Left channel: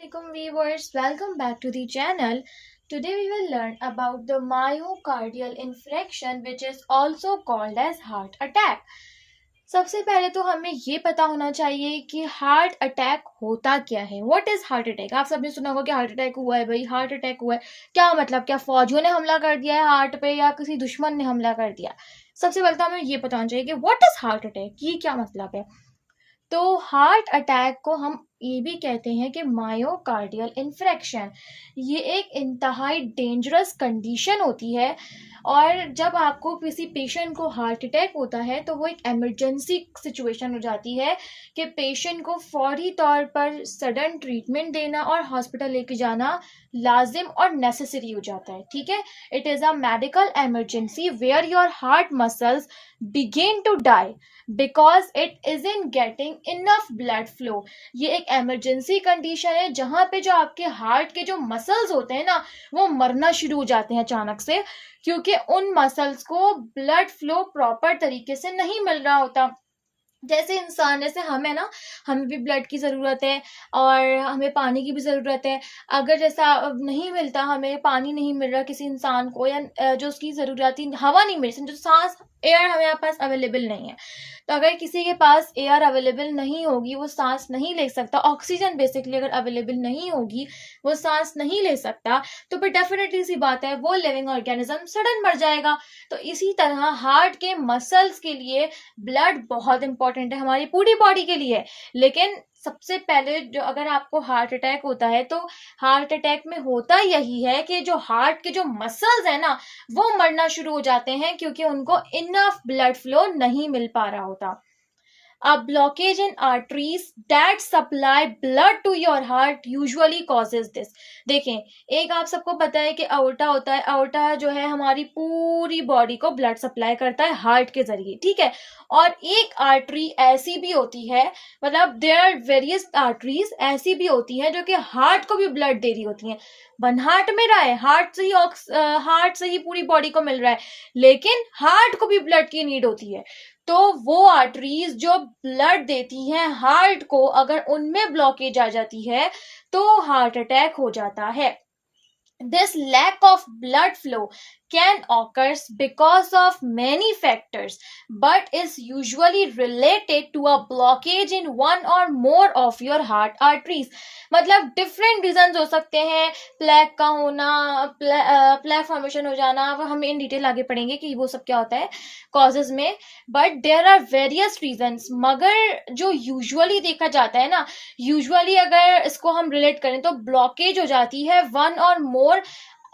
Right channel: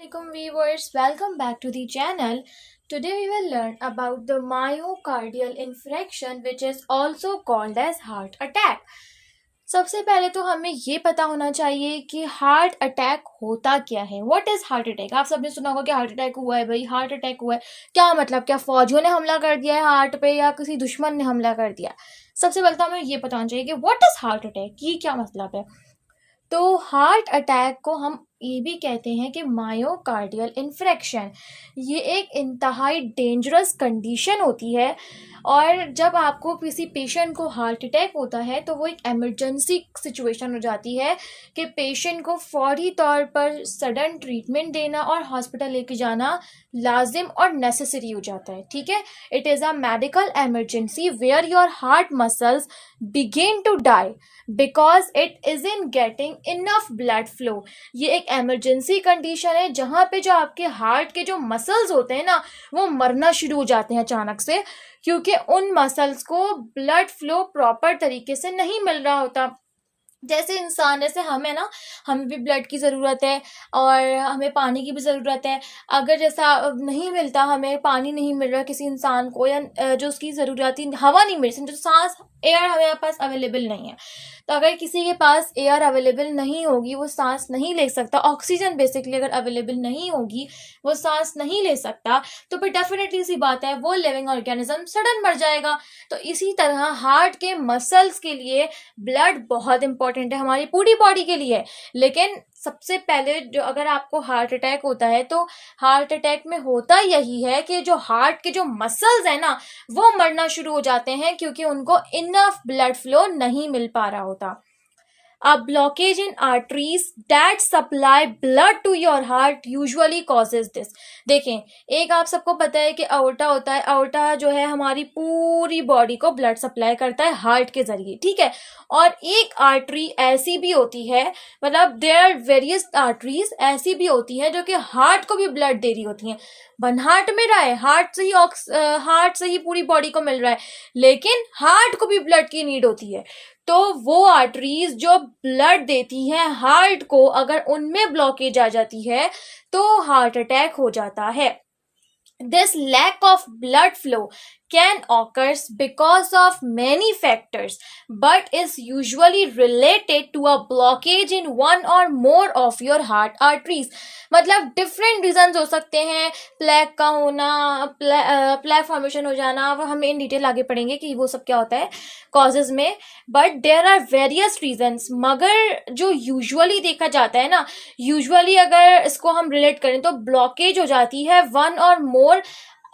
Assalamualaikum viewers, welcome back to the channel. Today we will learn about the myocardial infarction which is also called as heart attack. सबसे पहले तो हमें ये पता होना चाहिए कि हार्ट अटैक होता क्या है. What is heart attack. आप सबने सुना होगा कि हार्ट अटैक हुआ है भाई, हार्ट अटैक हुआ है. क्या मतलब, क्या फौजियों ने हमला कर दिया है हार्ट पे या किसी दुश्मन ने हमला कर दिया. सबसे पहले तो हमें ये पता होना चाहिए कि व्हाट इज हार्ट अटैक, ये क्या मतलब है. तो हार्ट अटैक को हम ये भी कहते हैं कि मायोकार्डियल इन्फ्रेक्शन. ये एक इंतहाई डेंजरस कंडीशन होती है और जब आपको किसी पेशेंट को हार्ट अटैक होता है तो वो एक इमरजेंसी सिचुएशन हो जाती है कि पेशेंट को फौरी तौर पर सडन ट्रीटमेंट देना और हॉस्पिटल लेके जाना लाजिम और नेसेसरी हो जाता है. ठीक है, it is a medical emergency where your heart muscles begin to die because it isn't getting enough blood flow. ये एक इमरजेंसी कंडीशन है जहाँ पे जो आपके हार्ट के जो मसल्स होते हैं ना वो मरना शुरू हो जाते हैं अचानक से, क्योंकि उन मसल्स को ब्लड फ्लो प्रॉपर तरीके से नहीं मिल रहा होता. जैसे इंसान, जैसे हमें ना, हमें भी ब्लड की ज़रूरत है और हमें पानी की भी ज़रूरत है. अगर जैसा नहीं मिलता, हमें पानी नहीं मिल रहा किसी इंसान को, या जो उसकी ज़रूरत हवा नहीं मिल रही, समझो सांस, एयर हमारे पास अवेलेबल नहीं है. तो अगर किसी के पास एयर अवेलेबल नहीं होगी, वो सांस नहीं ले सकता, ऑक्सीजन बेसिकली अगर अवेलेबल नहीं होगी, वो सांस नहीं ले सकता, तो फिर डेफिनेटली सी बात है वो लिविंग ऑर्गेनिज्म सडन मर जाएगा. तो इसी तरह हार्ट के मसल्स के लिए ब्लड बहुत इंपॉर्टेंट है हमारी पूरी बॉडी के लिए. लेकिन सबसे पहले जो, अगर आपको हार्ट अटैक होता है तो हार्ट अटैक में होता यही है कि जो हार्ट के जो मसल्स है ना वो मरना शुरू हो जाते हैं क्योंकि उनको इनफ ब्लड फ्लो नहीं मिल पा रहा होता. A blockage in arteries that supply blood to your heart usually causes this. देखें, एक आप सबको पता है कि aorta होता है. aorta जो है हमारी पूरी बॉडी को ब्लड सप्लाई करता है हार्ट के जरिए. ठीक है, और एक आर्टरी ऐसी भी होती है, मतलब देयर आर वेरियस आर्टरीज ऐसी भी होती है जो कि हार्ट को भी ब्लड दे रही होती हैं. वन हार्ट में रहा है, हार्ट से ही पूरी बॉडी को मिल रहा है, लेकिन हार्ट को भी ब्लड की नीड होती है. तो वो आर्टरीज जो ब्लड देती हैं हार्ट को, अगर उनमें ब्लॉकेज आ जाती है तो हार्ट अटैक हो जाता है. This lack of blood flow can occur because of many factors but is usually related to a blockage in one or more of your heart arteries. मतलब different reasons हो सकते हैं. प्लेक का होना, plaque formation हो जाना, वो हम इन डिटेल आगे पढ़ेंगे कि वो सब क्या होता है कॉजेज में. But there are various reasons. मगर जो यूजुअली देखा जाता है ना, यूजुअली अगर इसको हम रिलेट करें तो ब्लॉकेज हो जाती है वन और मोर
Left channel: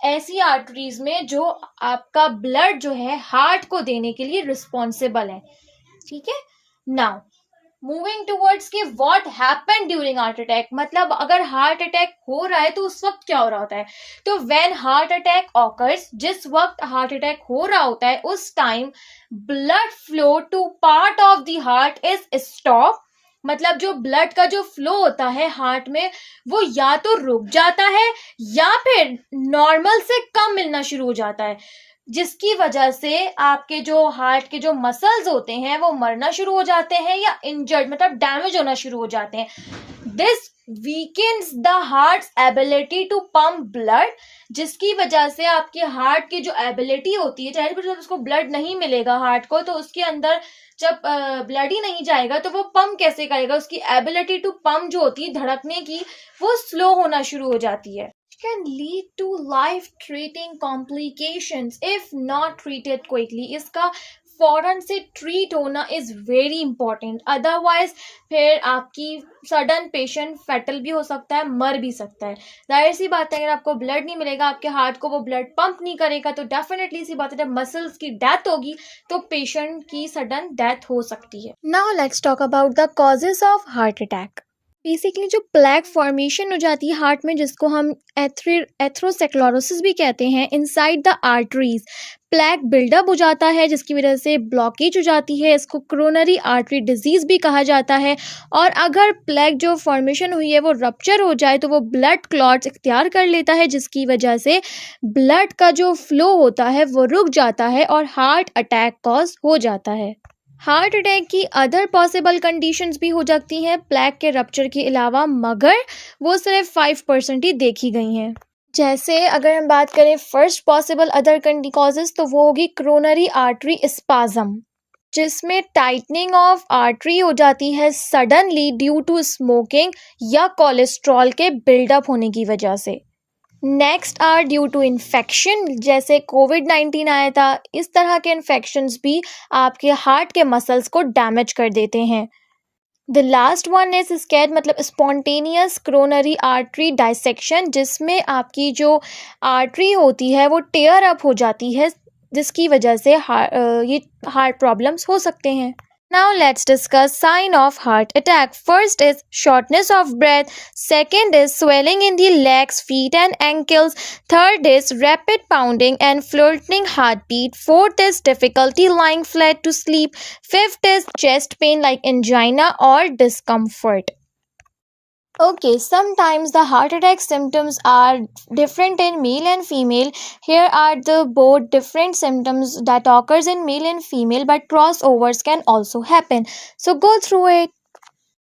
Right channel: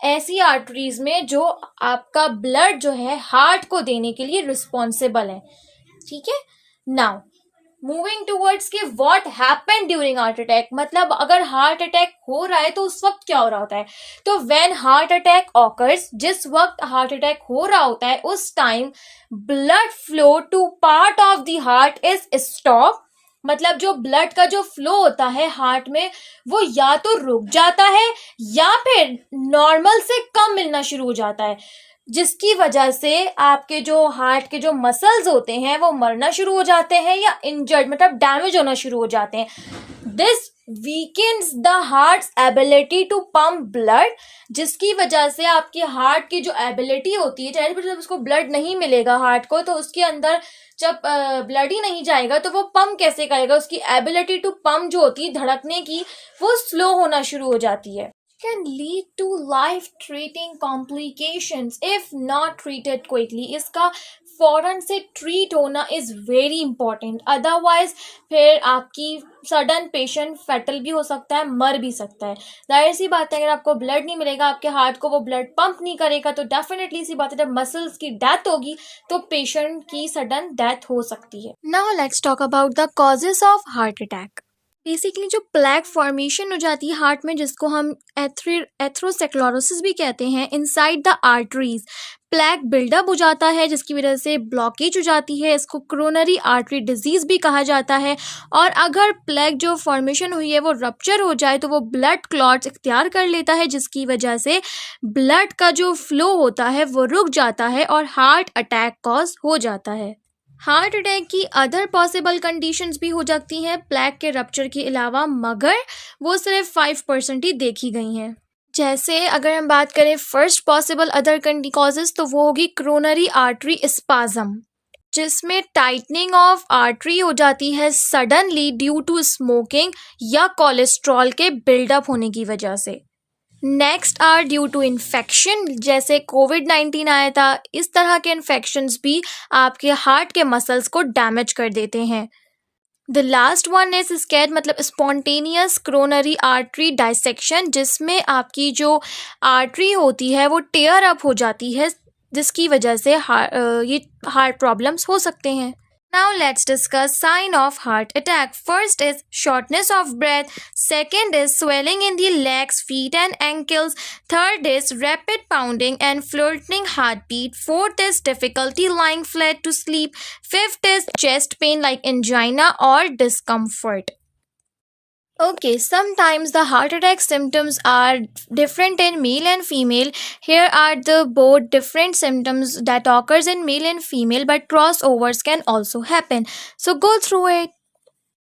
ऐसी आर्टरीज में जो आपका ब्लड जो है हार्ट को देने के लिए रिस्पॉन्सिबल है. ठीक है, नाउ मूविंग टूवर्ड्स कि what happened during heart attack. मतलब अगर हार्ट अटैक हो रहा है तो उस वक्त क्या हो रहा होता है. तो व्हेन हार्ट अटैक ऑकर्स, जिस वक्त हार्ट अटैक हो रहा होता है उस time blood flow to part of the heart is stop. मतलब जो ब्लड का जो फ्लो होता है हार्ट में वो या तो रुक जाता है या फिर नॉर्मल से कम मिलना शुरू हो जाता है, जिसकी वजह से आपके जो हार्ट के जो मसल्स होते हैं वो मरना शुरू हो जाते हैं या इंजर्ड, मतलब डैमेज होना शुरू हो जाते हैं. This weakens the heart's ability to pump blood, जिसकी वजह से आपके हार्ट की जो एबिलिटी होती है, चाहे जब उसको ब्लड नहीं मिलेगा हार्ट को, तो उसके अंदर जब ब्लड ही नहीं जाएगा तो वो पंप कैसे करेगा. उसकी एबिलिटी टू पंप जो होती है धड़कने की, वो स्लो होना शुरू हो जाती है. Can lead to life-threatening complications if not treated quickly. इसका फौरन से ट्रीट होना इज़ वेरी इंपॉर्टेंट. अदरवाइज फिर आपकी सडन पेशेंट फैटल भी हो सकता है, मर भी सकता है. जाहिर सी बात है, अगर आपको ब्लड नहीं मिलेगा, आपके हार्ट को वो ब्लड पंप नहीं करेगा, तो डेफिनेटली सी बात है जब मसल्स की डेथ होगी तो पेशेंट की सडन डेथ हो सकती है. Now let's talk about the causes of heart attack. Basically जो प्लेक फॉर्मेशन हो जाती है हार्ट में, जिसको हम एथरोस्क्लेरोसिस भी कहते हैं, inside the arteries plaque buildup हो जाता है जिसकी वजह से ब्लॉकेज हो जाती है. इसको कोरोनरी आर्टरी डिजीज़ भी कहा जाता है. और अगर प्लेक जो फॉर्मेशन हुई है वो रप्चर हो जाए तो वो ब्लड क्लॉट्स इख्तियार कर लेता है, जिसकी वजह से ब्लड का जो फ्लो होता है वो रुक जाता है और हार्ट अटैक कॉज हो जाता है. हार्ट अटैक की अदर पॉसिबल कंडीशंस भी हो सकती हैं प्लेग के रप्चर के अलावा, मगर वो सिर्फ 5% ही देखी गई हैं। जैसे अगर हम बात करें फर्स्ट पॉसिबल अदर कॉजेज, तो वो होगी क्रोनरी आर्टरी स्पाज्म, जिसमें टाइटनिंग ऑफ आर्टरी हो जाती है सडनली ड्यू टू स्मोकिंग या कोलेस्ट्रॉल के बिल्डअप होने की वजह से। Next are due to infection, जैसे कोविड-19 आया था, इस तरह के इन्फेक्शंस भी आपके हार्ट के मसल्स को डैमेज कर देते हैं। द लास्ट वन इज स्कैड, मतलब स्पॉन्टेनियस क्रोनरी आर्टरी डाइसेक्शन, जिसमें आपकी जो आर्टरी होती है वो टेयर अप हो जाती है, जिसकी वजह से ये हार्ट प्रॉब्लम्स हो सकते हैं। Now let's discuss sign of heart attack. First is shortness of breath. Second is swelling in the legs, feet and ankles. Third is rapid pounding and flirting heartbeat. Fourth is difficulty lying flat to sleep. Fifth is chest pain like angina or discomfort. Okay, sometimes the heart attack symptoms are different in male and female. Here are the both different symptoms that occurs in male and female, but crossovers can also happen. So go through it.